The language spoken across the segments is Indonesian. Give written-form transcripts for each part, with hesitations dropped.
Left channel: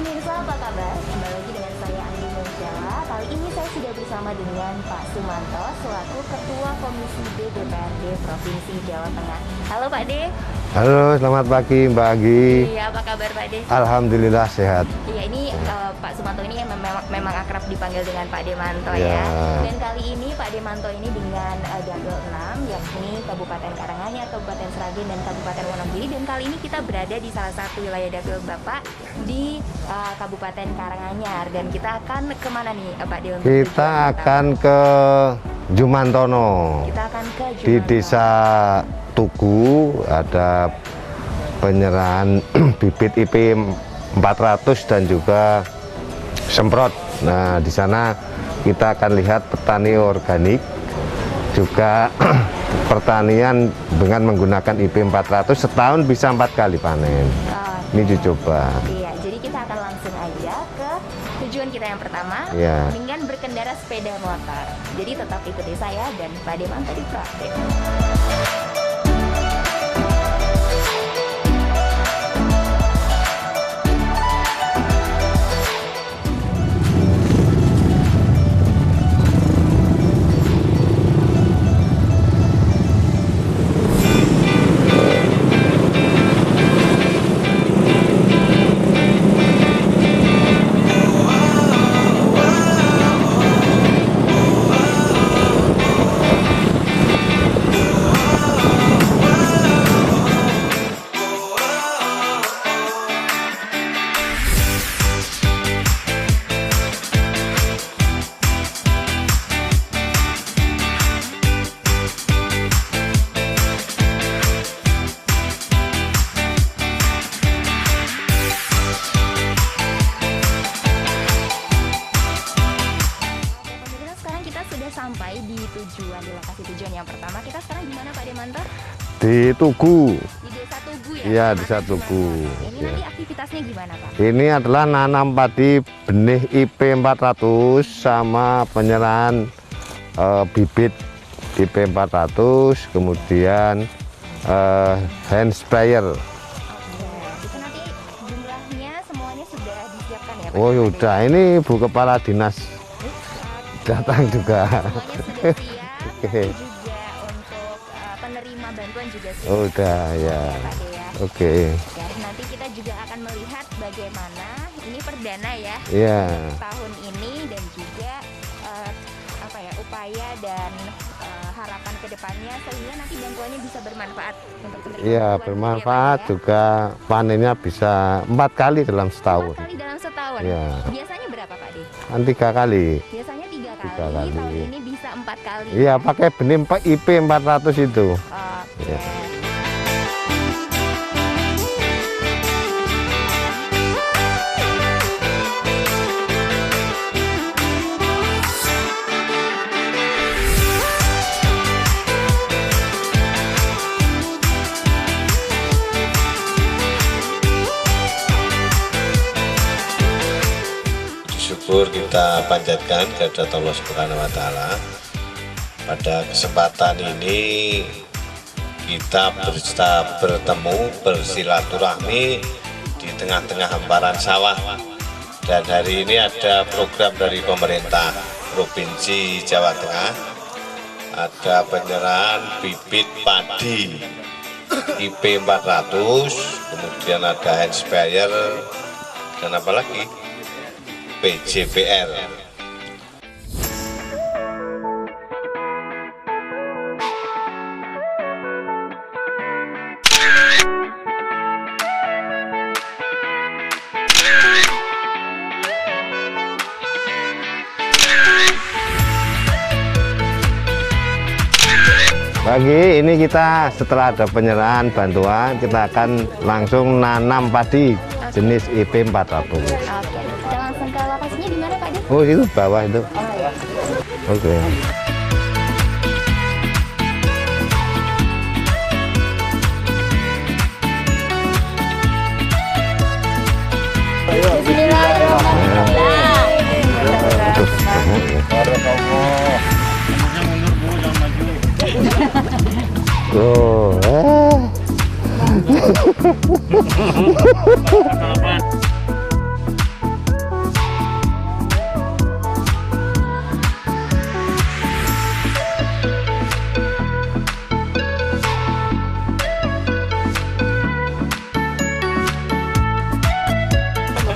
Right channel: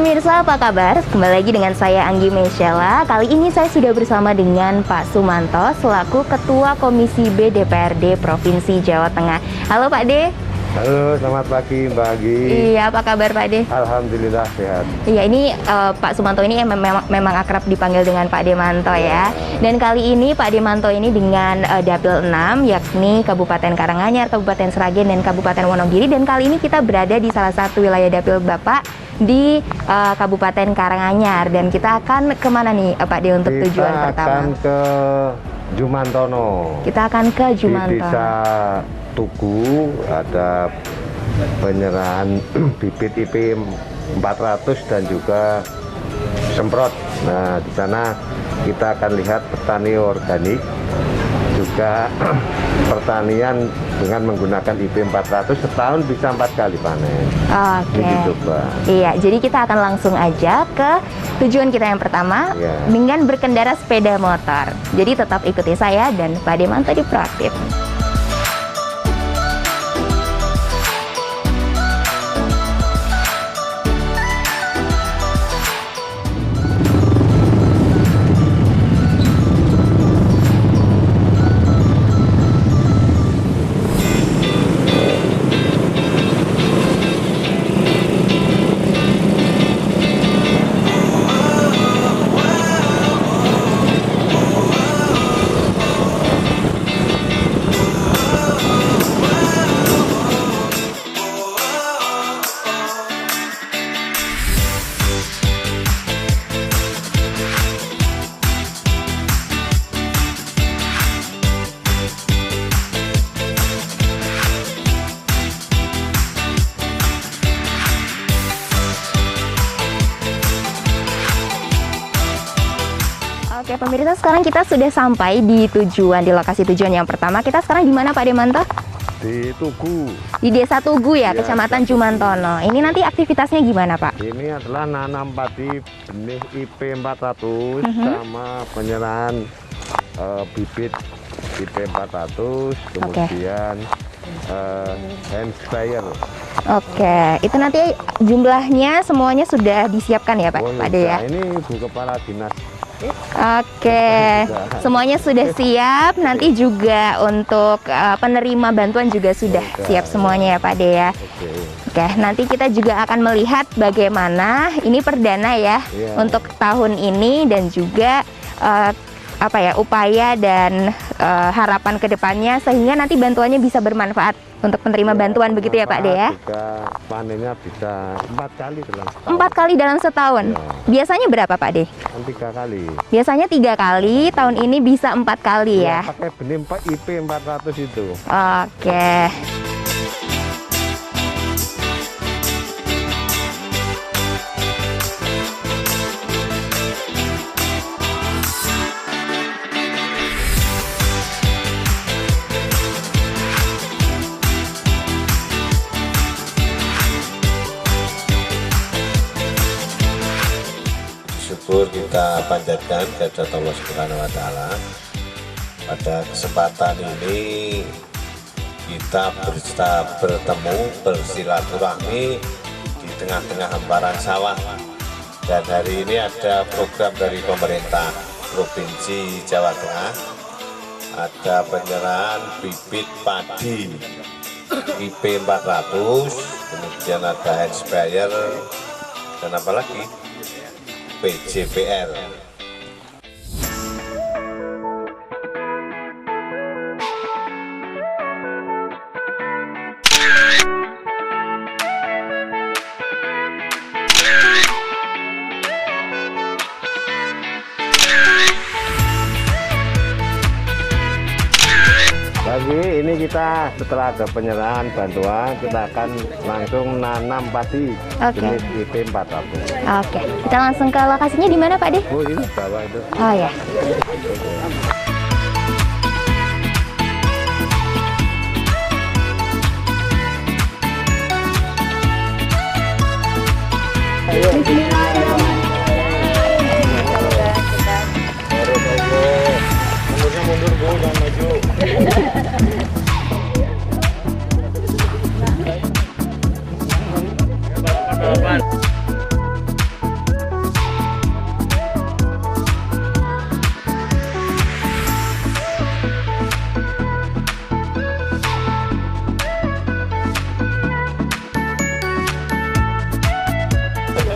pemirsa, apa kabar? Kembali lagi dengan saya Anggi Mesyala. Kali ini saya sudah bersama dengan Pak Sumanto selaku Ketua Komisi B DPRD Provinsi Jawa Tengah. Halo Pak D. Halo, selamat pagi Mbak Anggi. Iya, apa kabar Pak D? Alhamdulillah sehat. Iya, ini Pak Sumanto ini memang akrab dipanggil dengan Pak Demanto ya. Dan kali ini Pak Demanto ini dengan Dapil 6, yakni Kabupaten Karanganyar, Kabupaten Sragen, dan Kabupaten Wonogiri. Dan kali ini kita berada di salah satu wilayah Dapil Bapak di Kabupaten Karanganyar. Dan kita akan kemana nih Pak D untuk tujuan pertama? Kita akan ke Jumantono. Kita akan ke Jumantono. Di Desa Tugu ada penyerahan bibit IP 400 dan juga semprot. Nah, di sana kita akan lihat petani organik, juga pertanian dengan menggunakan IP 400 setahun bisa 4 kali panen. Oke. Ini dicoba. Iya, jadi kita akan langsung aja ke tujuan kita yang pertama dengan berkendara sepeda motor. Jadi tetap ikuti saya dan Pak Demanto di Proaktif. Oke pemirsa, sekarang kita sudah sampai di lokasi tujuan yang pertama. Kita sekarang di mana Pak Demanto? Di Tugu. Di Desa Tugu ya, Kecamatan Jumantono. Ini nanti aktivitasnya gimana Pak? Ini adalah nanam padi benih IP 400 sama penyerahan bibit IP 400, kemudian hand sprayer. Oke, itu nanti jumlahnya semuanya sudah disiapkan ya Pak? Oh Ada ya, ya? Ini Bu Kepala Dinas. Oke, semuanya sudah siap. Nanti juga untuk penerima bantuan juga sudah siap semuanya ya Pak De ya. Oke. Oke, nanti kita juga akan melihat bagaimana ini perdana ya untuk tahun ini dan juga upaya dan harapan kedepannya sehingga nanti bantuannya bisa bermanfaat untuk penerima bantuan begitu ya Pak De ya. Juga panennya bisa 4 kali dalam setahun. 4 kali dalam setahun. Biasanya berapa Pak De? Kan 3 kali. Biasanya 3 kali, tahun ini bisa 4 kali ya. Iya, pakai benih IP 400 itu. Oke. Syukur kita panjatkan kehadirat Allah Subhanahu wa Ta'ala. Pada kesempatan ini kita bertemu bersilaturahmi di tengah-tengah hamparan sawah, dan hari ini ada program dari pemerintah Provinsi Jawa Tengah, ada penyerahan bibit padi IP 400, kemudian ada hand sprayer dan apa lagi? PJPR. Pagi ini kita setelah ada penyerahan bantuan, kita akan langsung nanam padi jenis IP 400. Oke, kita langsung ke lokasinya di mana Pak De? Oh, itu bawah itu. Oh ya. Oke. Bismillahirrahmanirrahim. Mundurnya mundur Bu, jangan maju. Tuh.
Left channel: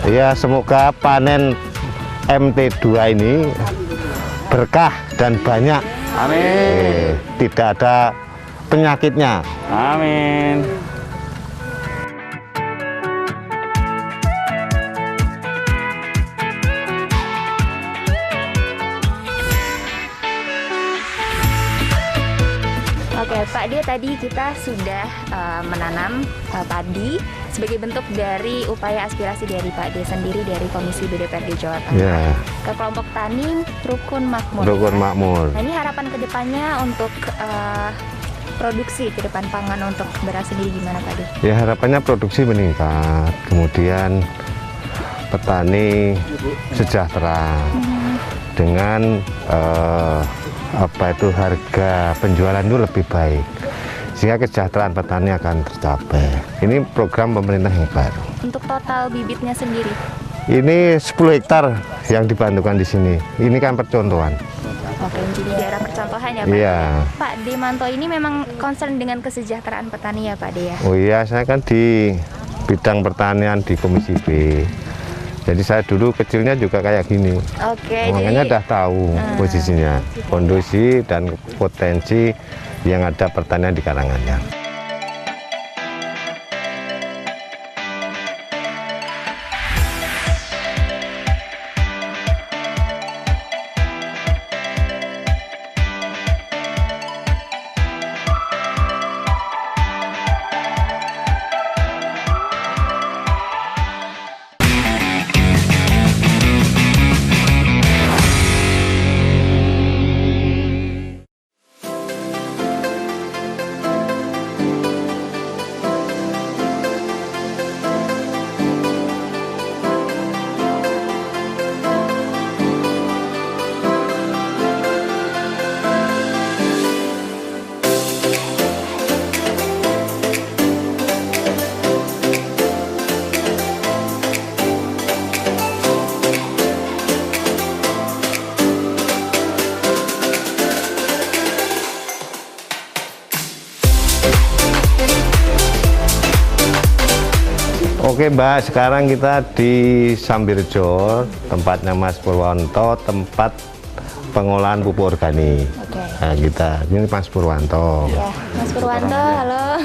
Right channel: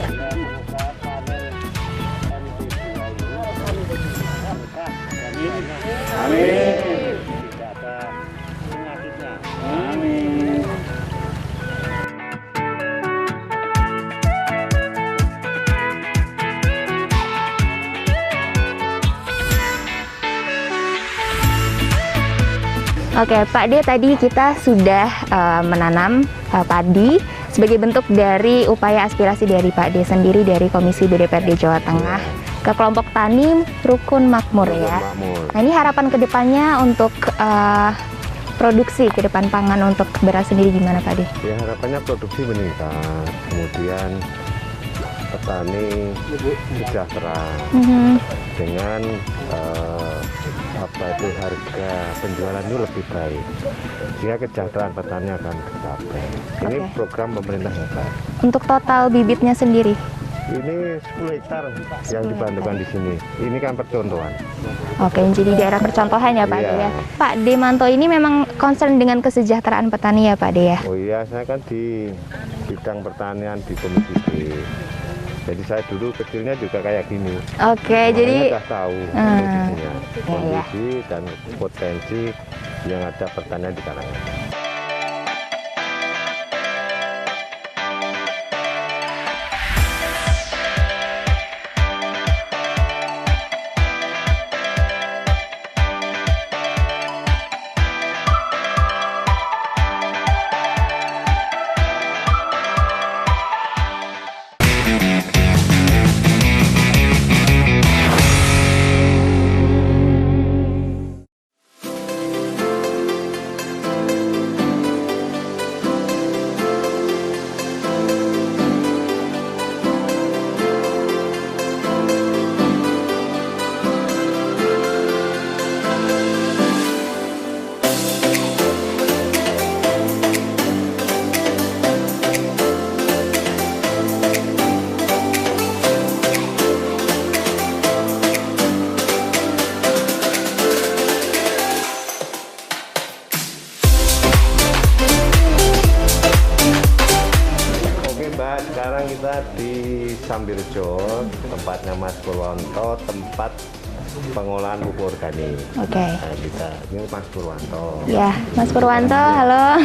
Ya, semoga panen MT2 ini berkah dan banyak. Amin. Tidak ada penyakitnya. Amin. Oke, Pak D, tadi kita sudah menanam padi sebagai bentuk dari upaya aspirasi dari Pak D sendiri dari Komisi BDPRD Jawa Tengah Ya. ke kelompok tani Rukun Makmur. Rukun ya. Makmur. Nah, ini harapan kedepannya untuk produksi ke depan pangan untuk beras sendiri gimana Pak D? Ya, harapannya produksi meningkat, kemudian petani sejahtera dengan harga penjualan itu lebih baik, sehingga kesejahteraan petani akan tercapai. Ini program pemerintah yang baru. Untuk total bibitnya sendiri? Ini 10 hektar yang dibantukan di sini. Ini kan percontohan. Oke, jadi daerah percontohan ya Pak D Iya. ya. Pak Demanto ini memang concern dengan kesejahteraan petani ya Pak D ya? Oh iya, saya kan di bidang pertanian di Komisi B. Jadi saya dulu kecilnya juga kayak gini. Oke, Makanya jadi udah tahu posisinya, kondisi dan potensi yang ada pertanian di Karanganyar. Oke Mbak, sekarang kita di Sambirjo, tempatnya Mas Purwanto, tempat pengolahan pupuk organik. Oke. Nah, ini Mas Purwanto. Ya, Mas Purwanto, halo.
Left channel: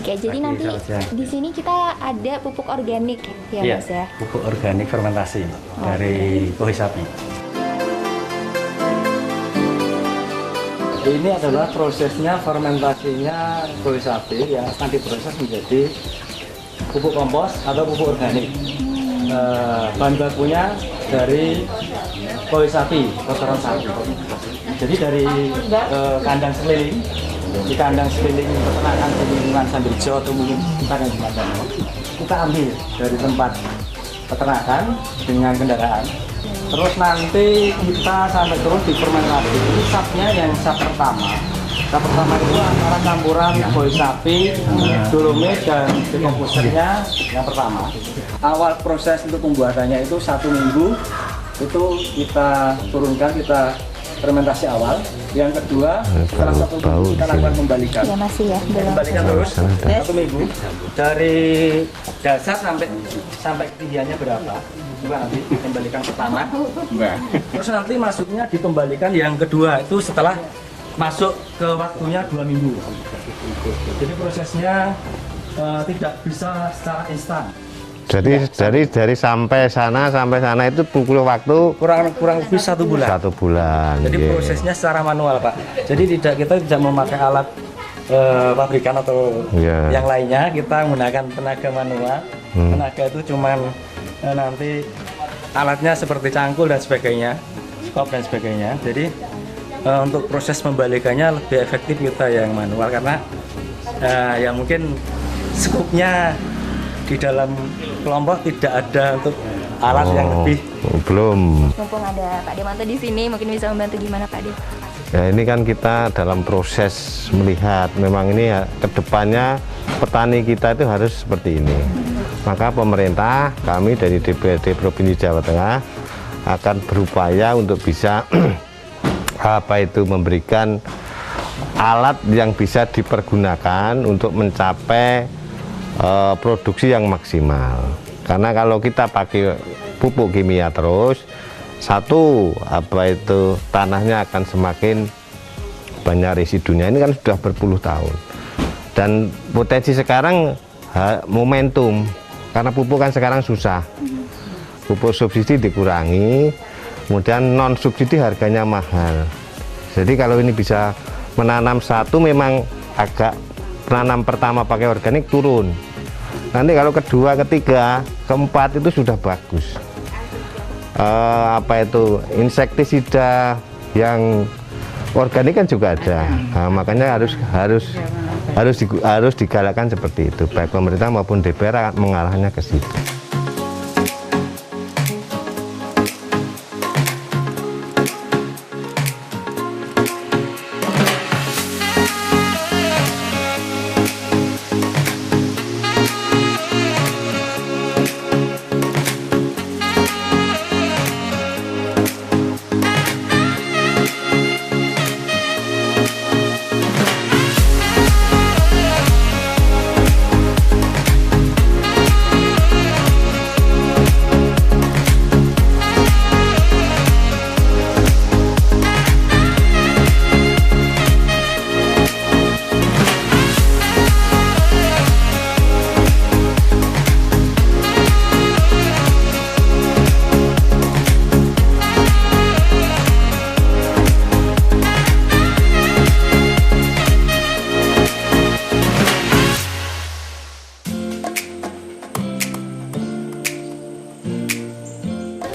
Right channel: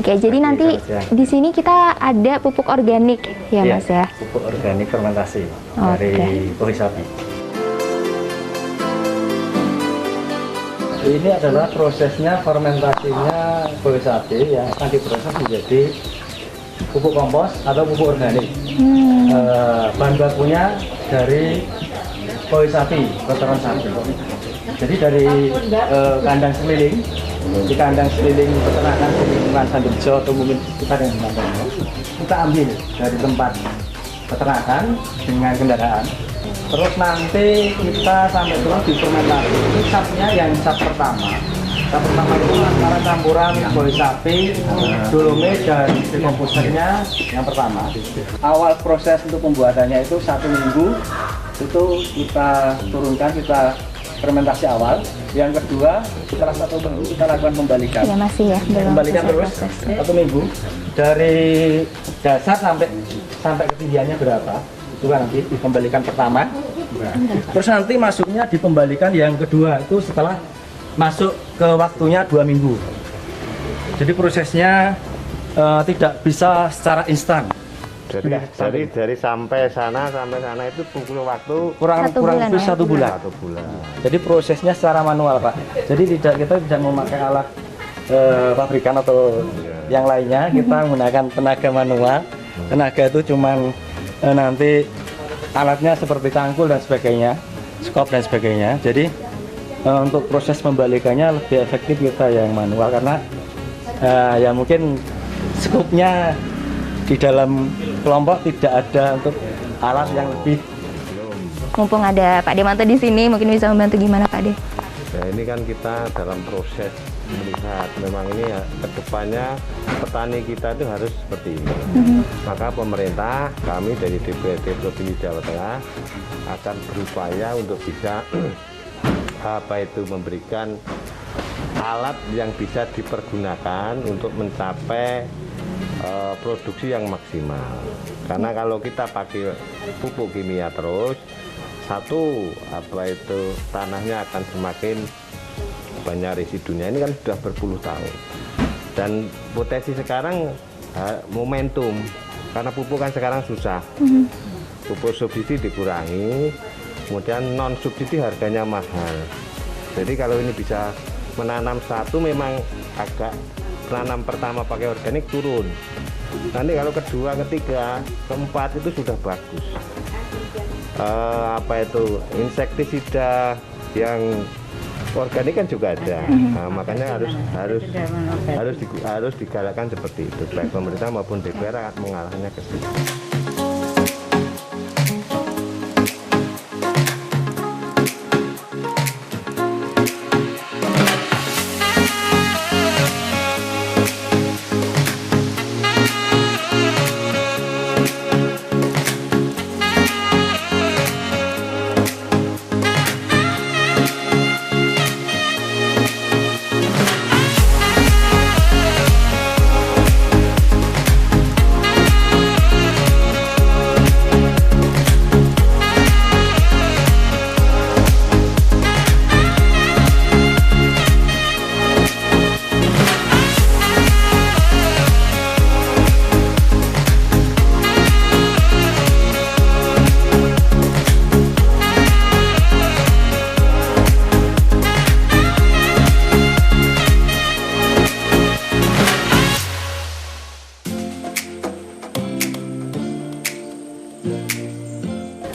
Oke, jadi nanti di sini kita ada pupuk organik ya Mas ya? Pupuk organik fermentasi Oke. dari Kohi Sapi. Ini adalah prosesnya fermentasinya Kohi Sapi yang akan diproses menjadi pupuk kompos atau pupuk organik. Bahan bakunya dari Kohi Sapi, kotoran sapi. Jadi dari kandang sekeliling, di kandang sekeliling peternakan di lingkungan Sambirjo atau mungkin kita yang di Mantono, kita ambil dari tempat peternakan dengan kendaraan. Terus nanti kita sampai turun di fermentasi. Ini sapnya yang sap pertama. Sap pertama itu antara campuran Kohi Sapi, dolomit dan dekomposernya yang pertama. Awal proses untuk pembuatannya itu 1 minggu. Itu kita turunkan, kita fermentasi awal. Yang kedua, setelah 1 minggu kita lakukan pembalikan. Ya masih ya. belum Kembalikan selesai. terus 1 minggu dari dasar sampai ketinggiannya berapa itu kan nanti kembalikan pertama. Terus nanti masuknya dikembalikan yang kedua itu setelah masuk ke waktunya 2 minggu. Jadi prosesnya tidak bisa secara instan. Jadi dari sampai sana itu butuh waktu Kurang bulan, lebih ya? 1 bulan. 1 bulan. Jadi Iya. prosesnya secara manual Pak. Jadi kita tidak memakai alat pabrikan atau Iya. yang lainnya. Kita menggunakan tenaga manual. Tenaga itu cuman nanti alatnya seperti cangkul dan sebagainya, skop dan sebagainya. Jadi untuk proses pembalikannya lebih efektif kita yang manual karena ya mungkin skupnya di dalam kelompok tidak ada untuk alat yang lebih. Belum. Mumpung ada Pak Demanto di sini, mungkin bisa membantu gimana Pak De? Ya ini kan kita dalam proses melihat memang ini ya kedepannya petani kita itu harus seperti ini. Maka pemerintah, kami dari DPRD Provinsi Jawa Tengah akan berupaya untuk bisa memberikan alat yang bisa dipergunakan untuk mencapai produksi yang maksimal. Karena kalau kita pakai pupuk kimia terus, satu tanahnya akan semakin banyak residunya. Ini kan sudah berpuluh tahun. Dan potensi sekarang momentum, karena pupuk kan sekarang susah. Pupuk subsidi dikurangi, kemudian non subsidi harganya mahal. Jadi kalau ini bisa menanam satu, memang agak menanam pertama pakai organik turun. Nanti kalau kedua, ketiga, keempat itu sudah bagus. Insektisida yang organik kan juga ada. Nah, makanya harus digalakkan seperti itu. Baik pemerintah maupun DPR mengarahnya ke situ.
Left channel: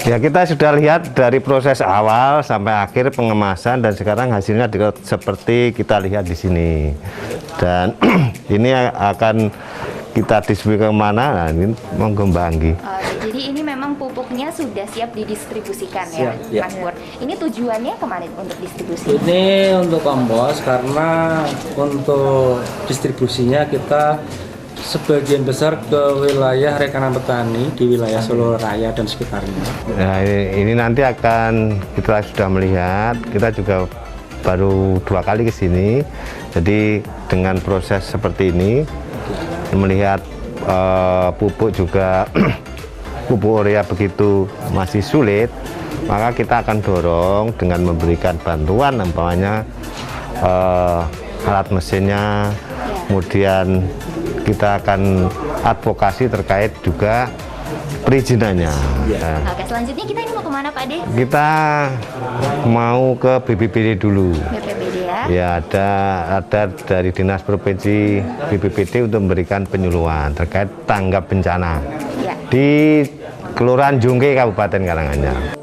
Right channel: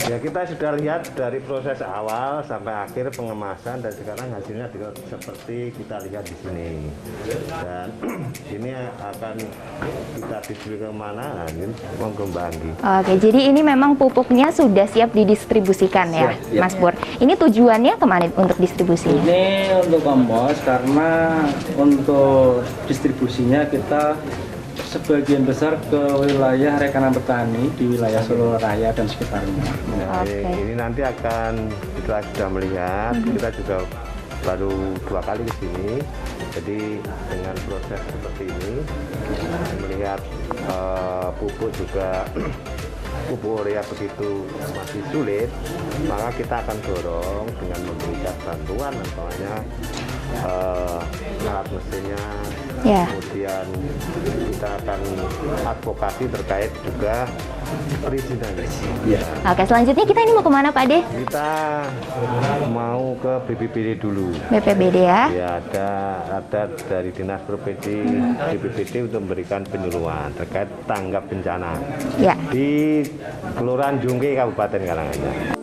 Ya, kita sudah lihat dari proses awal sampai akhir pengemasan, dan sekarang hasilnya seperti kita lihat di sini. Dan ini akan kita distribusi kemana? Nah, ini menggembangi. Oke, jadi ini memang pupuknya sudah siap didistribusikan ya, Siap, ya. Mas Pur. Ini tujuannya kemana untuk distribusi? Ini untuk kompos, karena untuk distribusinya kita sebagian besar ke wilayah rekanan petani di wilayah Solo Raya dan sekitarnya. Nah, ini nanti akan kita sudah melihat, kita juga baru 2 kali ke sini. Jadi dengan proses seperti ini, melihat pupuk juga pupuk urea begitu masih sulit, maka kita akan dorong dengan memberikan bantuan, umpamanya alat mesinnya, kemudian kita akan advokasi terkait juga perizinannya. Nah, oke, selanjutnya kita ini mau kemana Pak De? Kita mau ke BPBD dulu. BPBD ya? Ya, ada dari Dinas Provinsi BPBD untuk memberikan penyuluhan terkait tanggap bencana Ya. di Kelurahan Jungke, Kabupaten Karanganyar.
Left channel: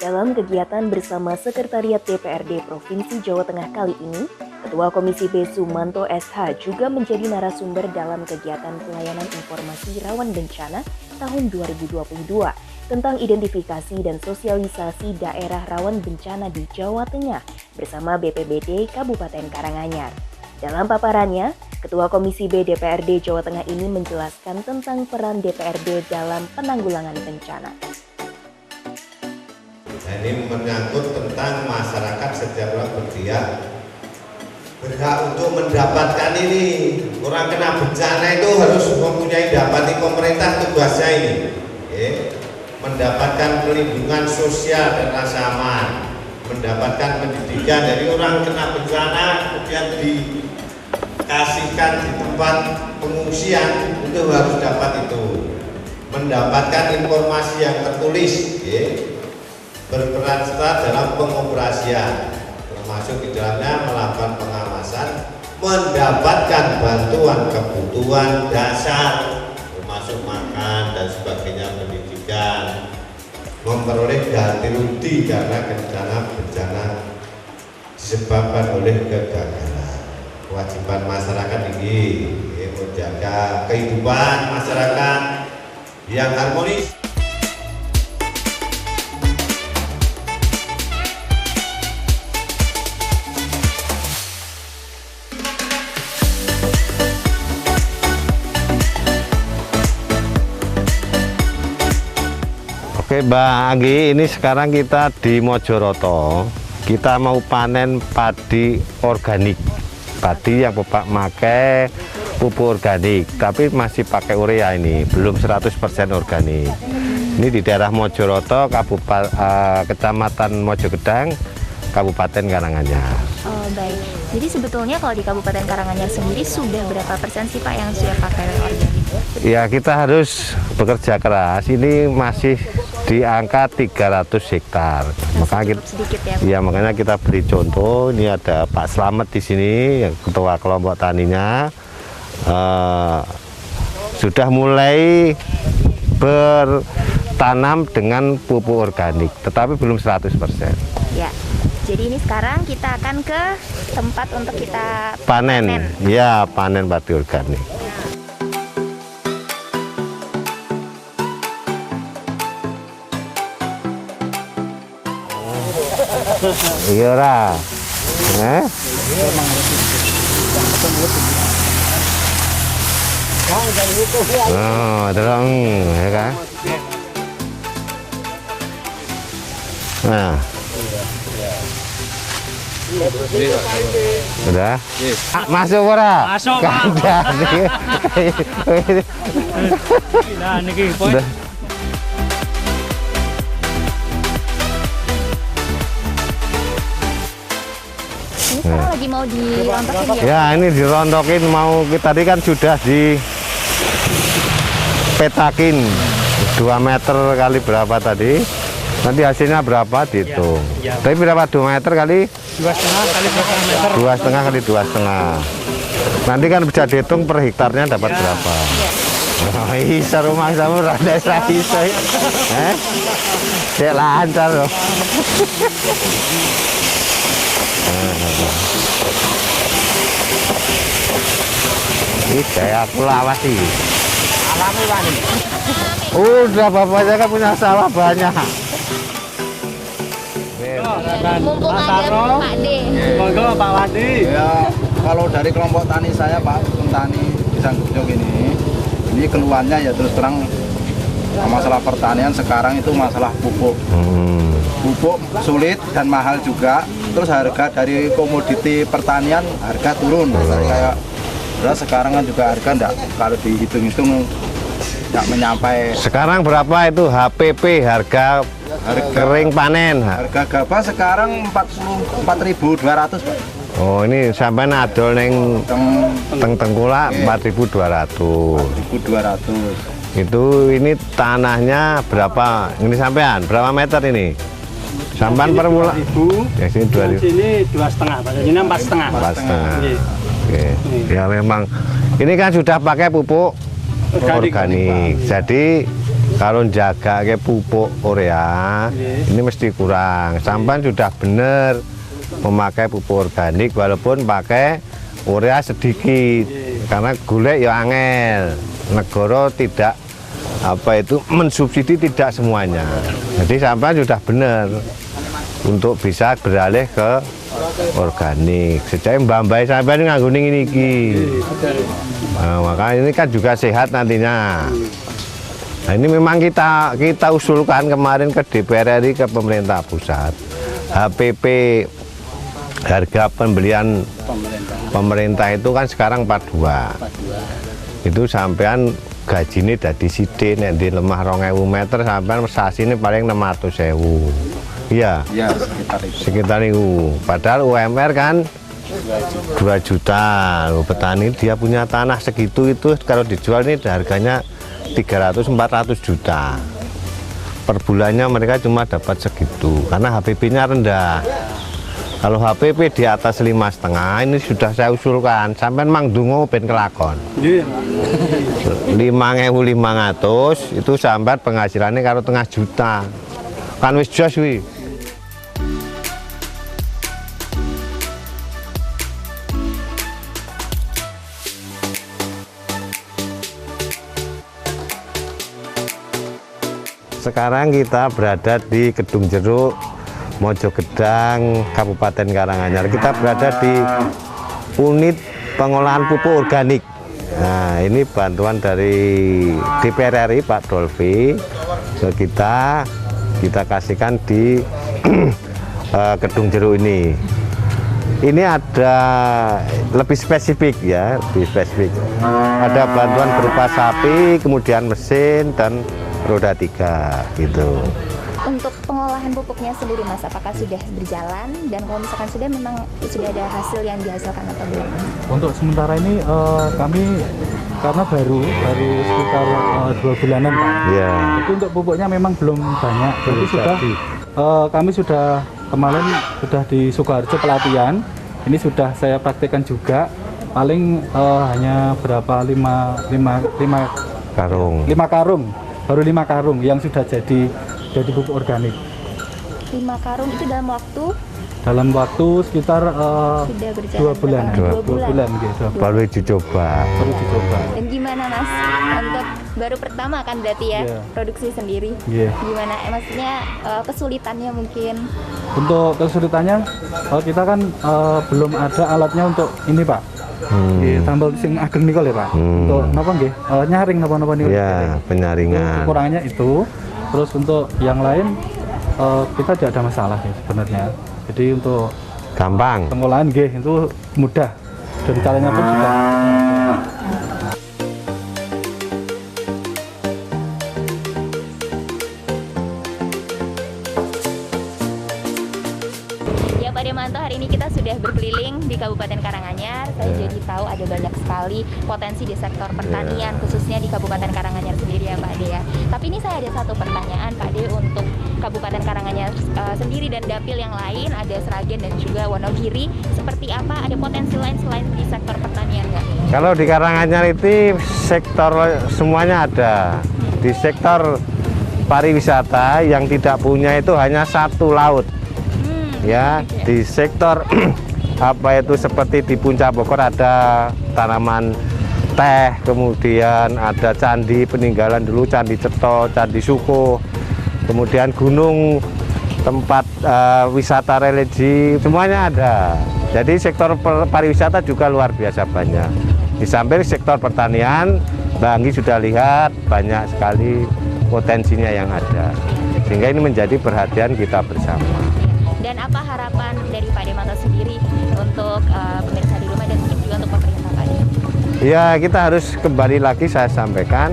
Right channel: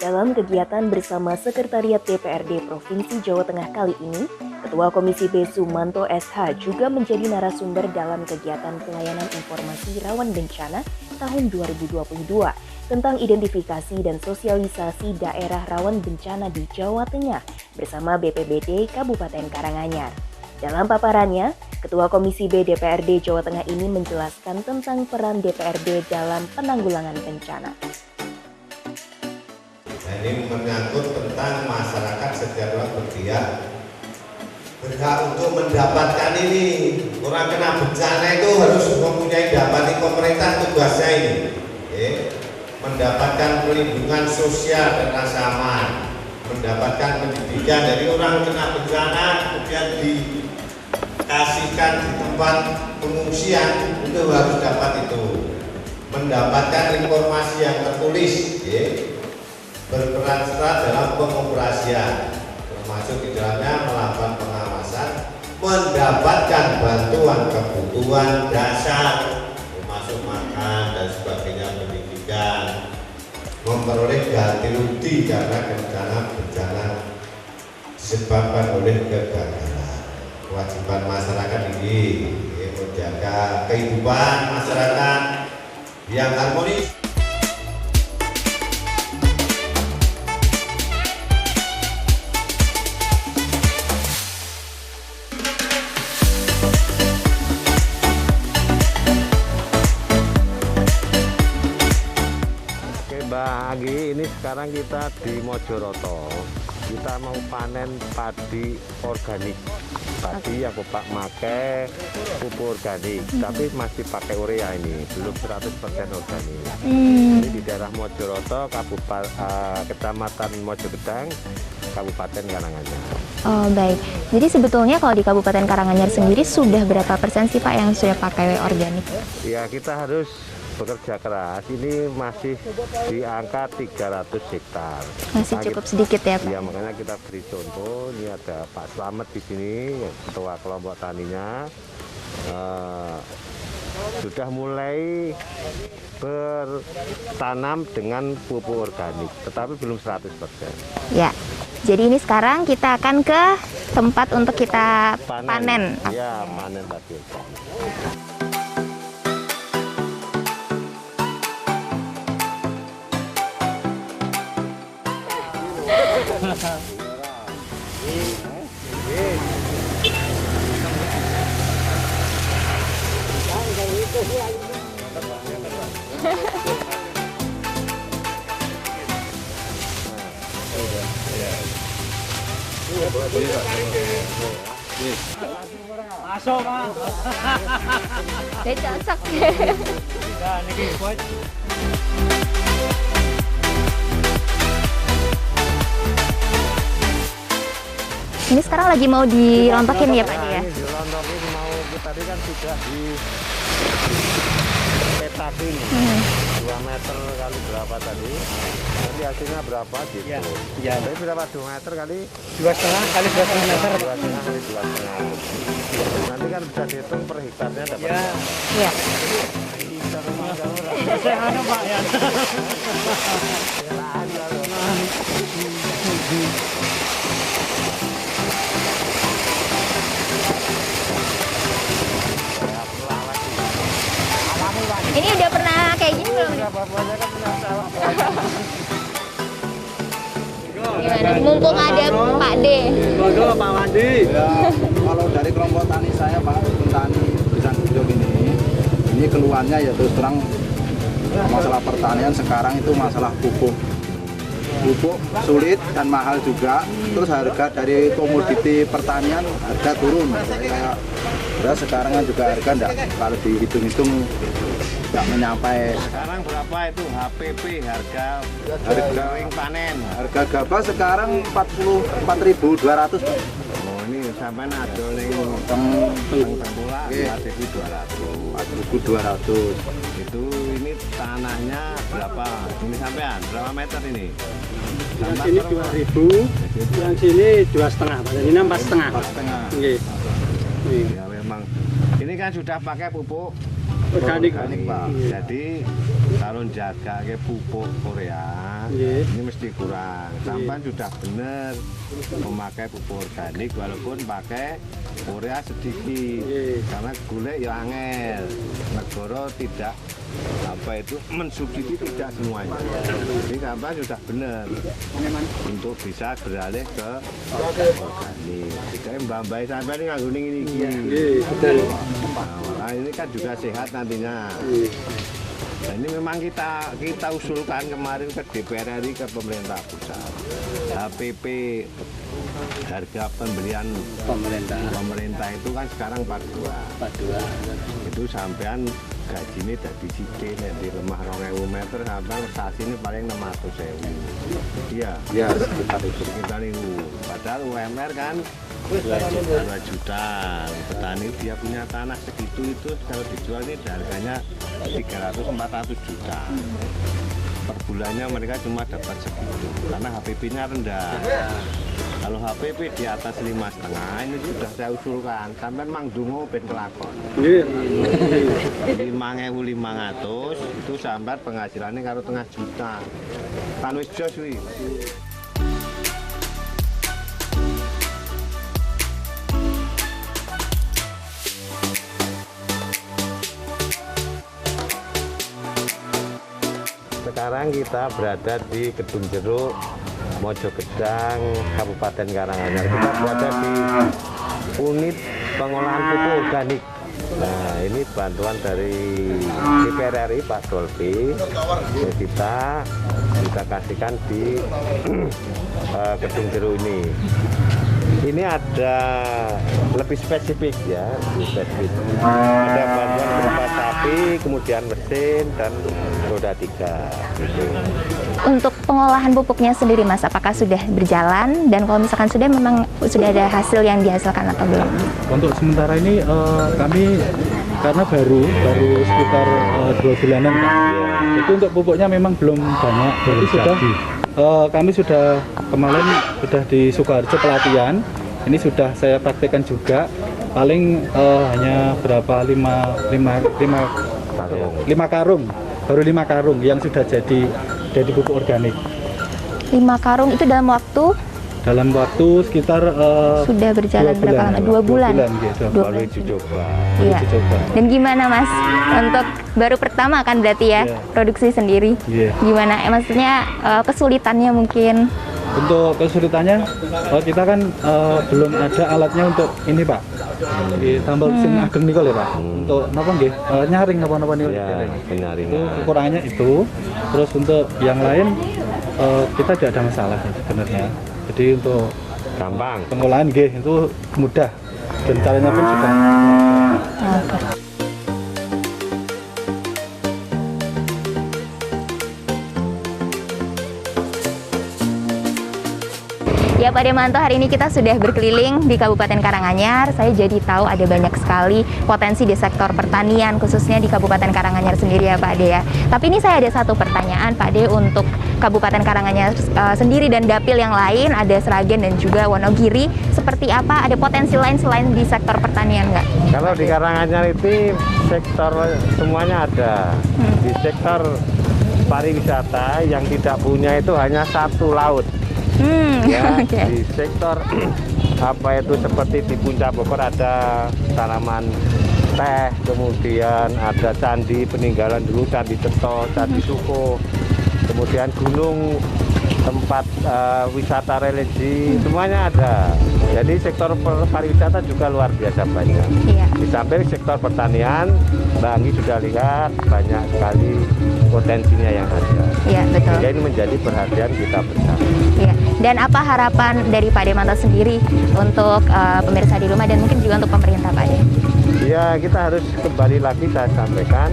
Dalam kegiatan bersama Sekretariat DPRD Provinsi Jawa Tengah kali ini, Ketua Komisi B Sumanto SH juga menjadi narasumber dalam kegiatan pelayanan informasi rawan bencana tahun 2022 tentang identifikasi dan sosialisasi daerah rawan bencana di Jawa Tengah bersama BPBD Kabupaten Karanganyar. Dalam paparannya, Ketua Komisi B DPRD Jawa Tengah ini menjelaskan tentang peran DPRD dalam penanggulangan bencana. Nah, ini menyangkut tentang masyarakat setiap orang berhak untuk mendapatkan ini. Orang kena bencana itu harus mempunyai dapati pemerintah, tugasnya ini mendapatkan perlindungan sosial dan rasa aman, mendapatkan pendidikan. Dari orang kena bencana kemudian dikasihkan di tempat pengungsian, itu harus dapat itu, mendapatkan informasi yang tertulis, berperan serta dalam pengoperasian, termasuk di dalamnya melakukan pengawasan, mendapatkan bantuan kebutuhan dasar, termasuk makan dan sebagainya, pendidikan, memperoleh ganti rugi karena bencana disebabkan oleh kegagalan. Kewajiban masyarakat ini menjaga kehidupan masyarakat, yang harmonis. Oke Mbak Anggi, ini sekarang kita di Mojoroto. Kita mau panen padi organik. Padi yang Bapak pakai pupuk organik, tapi masih pakai urea ini, belum 100% organik. Ini di daerah Mojoroto, Kecamatan Mojogedang, Kabupaten Karanganyar. Oh baik, jadi sebetulnya kalau di Kabupaten Karanganyar sendiri sudah berapa persen sih Pak yang sudah pakai organik? Ya kita harus bekerja keras, ini masih di angka 300 hektar. Masih cukup sedikit ya Pak? Ya makanya kita beri contoh, ini ada Pak Slamet di sini, yang ketua kelompok taninya. Sudah mulai bertanam dengan pupuk organik, tetapi belum 100%. Ya, jadi ini sekarang kita akan ke tempat untuk kita Panen. Ya, panen padi organik. Iya ora. Oh, terang, ya kan? Nah. Udah? Masuk ora? Masuk, Pak. Nah, niki poin. Udah. Ini sekarang lagi mau dirontokin ya Pak? Ya, ini dirontokin mau tadi kan sudah dipetakin 2 meter kali berapa tadi. Nanti hasilnya berapa dihitung. Ya. Tapi berapa 2 meter kali 2,5 kali 2,5 kali 2,5. Nanti kan bisa dihitung per hektarnya dapat berapa. Iya. Oh, bisa rumah kamu rada bisa. Cek lancar loh. Ini kayak aku lawas sih. Jadi udah pernah kayak gitu? Udah bapaknya kan punya sawah banyak. Mumpung ada Pak D. Monggo Pak Wadi. Ya, kalau dari kelompok tani saya Pak, petani Pisang Hijau ini keluhannya ya terus terang masalah pertanian sekarang itu masalah pupuk. Pupuk sulit dan mahal juga. Terus harga dari komoditi pertanian harga turun. Kayak sekarang kan juga harga enggak, kalau dihitung-hitung nggak menyampai. Sekarang berapa itu HPP, harga kering panen? Harga gabah sekarang 4.200 Pak. Oh ini sampai adol neng tengkulak 4.200. 4.200. Itu ini tanahnya berapa? Ini sampean berapa meter ini? Sampean per bulan? Ya sini 2.000. Sini 2,5 Pak. Ini 4,5. 4,5. Oke. Ya memang ini kan sudah pakai pupuk organik. Jadi kalau jaga kayak pupuk urea ini mesti kurang. Sampan sudah benar memakai pupuk organik walaupun pakai urea sedikit. Karena golek ya angel. Negara tidak mensubsidi tidak semuanya. Jadi sampan sudah benar untuk bisa beralih ke organik. Sejak mbak-mbak sampai nganggo ini nah, makanya ini kan juga sehat nantinya. Nah, ini memang kita usulkan kemarin ke DPR RI, ke pemerintah pusat. HPP harga pembelian pemerintah itu kan sekarang 42. Itu sampean gajinya dari sidik nek di lemah 2.000 meter sampean sasine paling 600.000. Iya. Ya, Sekitar itu. Padahal UMR kan 2 juta. Petani dia punya tanah segitu itu kalau dijual ini harganya 300-400 juta. Per bulannya mereka cuma dapat segitu karena HPP-nya rendah. Kalau HPP di atas 5,5 ini sudah saya usulkan sampai mang dungo ben kelakon. 5.500 itu sampai penghasilannya kalau 0,5 juta. Kan wis jos wi. sekarang kita berada di Kedung Jeruk, Mojogedang, Kabupaten Karanganyar. Kita berada di unit pengolahan pupuk organik. Nah, ini bantuan dari DPR RI Pak Dolvi ke kita kasihkan di Kedung Jeruk ini. Ini ada lebih spesifik ya, lebih spesifik. Ada bantuan berupa sapi, kemudian mesin dan roda 3 gitu. Untuk pengolahan pupuknya sendiri Mas, apakah sudah berjalan? Dan kalau misalkan sudah, memang sudah ada hasil yang dihasilkan atau belum? Untuk sementara ini kami karena baru sekitar 2 bulanan Pak. Ya. Itu untuk pupuknya memang belum banyak. Jadi kami sudah kemarin sudah di Sukoharjo pelatihan. Ini sudah saya praktekkan juga. Paling hanya berapa 5 Karung. karung. Baru 5 karung yang sudah jadi pupuk organik. 5 karung itu dalam waktu sekitar sudah berjalan berapa lama? 2 bulan. Gitu. Baru uji coba. Iya. Dan gimana Mas, untuk baru pertama kan berarti ya, Iya. produksi sendiri? Iya. Gimana? Maksudnya kesulitannya mungkin? Untuk kesulitannya, kita kan belum ada alatnya untuk ini Pak. Tambal sing ageng nikol ya Pak. Untuk napa nggih? Nyaring napa-napa nikol. Ya, penyaringan. Kekurangannya itu. Terus untuk yang lain kita tidak ada masalah sebenarnya. Jadi untuk Gampang. pengolahan nggih itu mudah. Dan caranya pun juga. Ya Pak Demanto, hari ini kita sudah berkeliling di Kabupaten Karanganyar. Saya jadi tahu ada banyak sekali potensi di sektor pertanian, khususnya di Kabupaten Karanganyar sendiri ya Pak De ya. Tapi ini saya ada satu pertanyaan Pak De untuk Kabupaten Karanganyar sendiri dan dapil yang lain, ada Sragen dan juga Wonogiri. Seperti apa, ada potensi lain selain di sektor pertanian nggak? Kalau di Karanganyar itu sektor semuanya ada. Di sektor pariwisata yang tidak punya itu hanya satu laut. Ya, Oke. di sektor apa itu seperti di Puncak Bogor ada tanaman teh, kemudian ada candi peninggalan dulu, Candi Ceto, Candi Suko, kemudian gunung tempat wisata religi, semuanya ada. Jadi sektor pariwisata juga luar biasa banyak. Iya. Di samping sektor pertanian, Mbak Anggi sudah lihat banyak sekali potensinya yang ada. Iya, betul. Sehingga ini menjadi perhatian kita bersama. Iya. Dan apa harapan dari Pak Demanto sendiri untuk pemirsa di rumah dan mungkin juga untuk pemerintah Pak De? Ya, kita harus kembali lagi saya sampaikan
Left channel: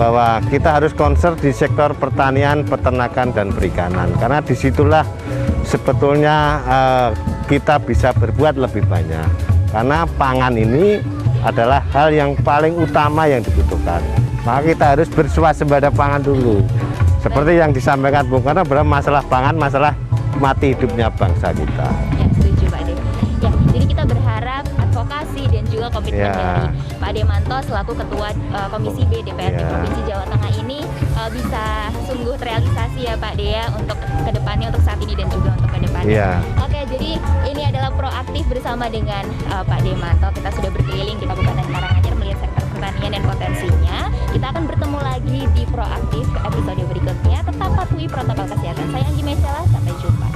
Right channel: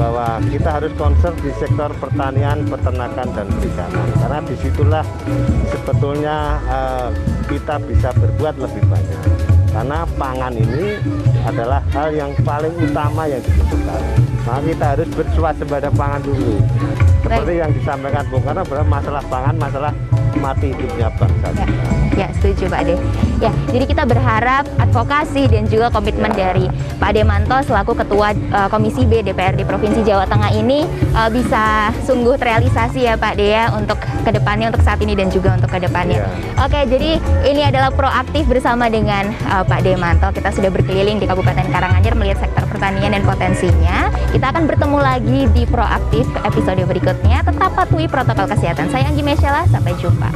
bahwa kita harus concern di sektor pertanian, peternakan, dan perikanan. Karena disitulah sebetulnya kita bisa berbuat lebih banyak. Karena pangan ini adalah hal yang paling utama yang dibutuhkan. Maka kita harus bersuasembada pangan dulu. Seperti yang disampaikan Bung Karno, bahwa masalah pangan, masalah mati hidupnya bangsa kita. Ya, setuju Pak De. Ya, jadi kita berharap advokasi dan juga komitmen Ya. dari Pak Demanto selaku Ketua Komisi B DPRD Provinsi Jawa Tengah ini bisa sungguh terrealisasi ya Pak De ya, untuk kedepannya, untuk saat ini dan juga untuk kedepannya. Ya. Oke, jadi ini adalah proaktif bersama dengan Pak Demanto. Kita sudah berkeliling di Kabupaten Karanganyar melihat sektor pertanian dan potensinya. Kita akan bertemu lagi di proaktif episode berikutnya. Tetap patuhi protokol kesehatan. Saya Anggi Mesyala, sampai jumpa.